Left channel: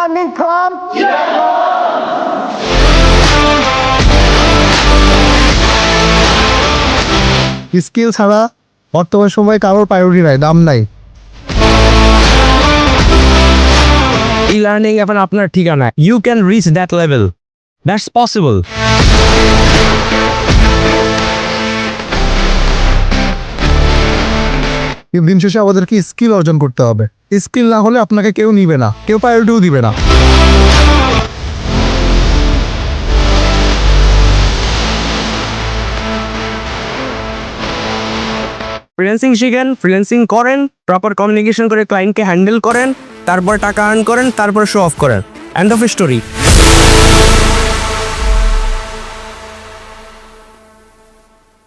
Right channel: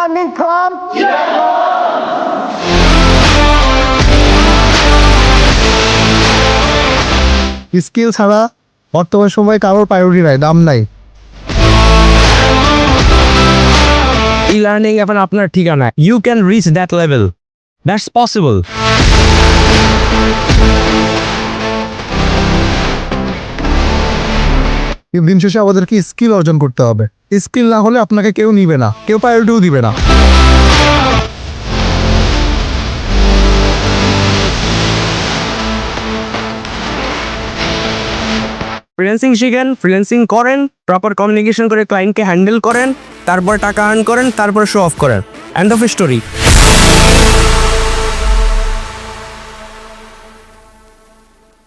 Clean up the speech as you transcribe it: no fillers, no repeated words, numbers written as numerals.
learning from skill ছাড়া বর্তমান সময়ে কারোর প্রায়োরিটি নাই, দাম নাই। ই লার্নিং এখন আপনার ঠিকানা। You can reach that level, that's possible. দিন শেষে আমাদেরকে স্কিল অর্জন করতে হবে। স্কিল না হলে আপনাকে কেউ নিবে না, কেউ প্রায়োরিটিও দিবে না। ফ্রিল্যান্সিং শিখেন, ফ্রিল্যান্সিং করেন, প্রপার কমিউনিকেশন করে ক্লায়েন্টকে হ্যান্ডেল করেন, তারপর টাকা আর্ন করেন, তারপর শো অফ করেন। End of story.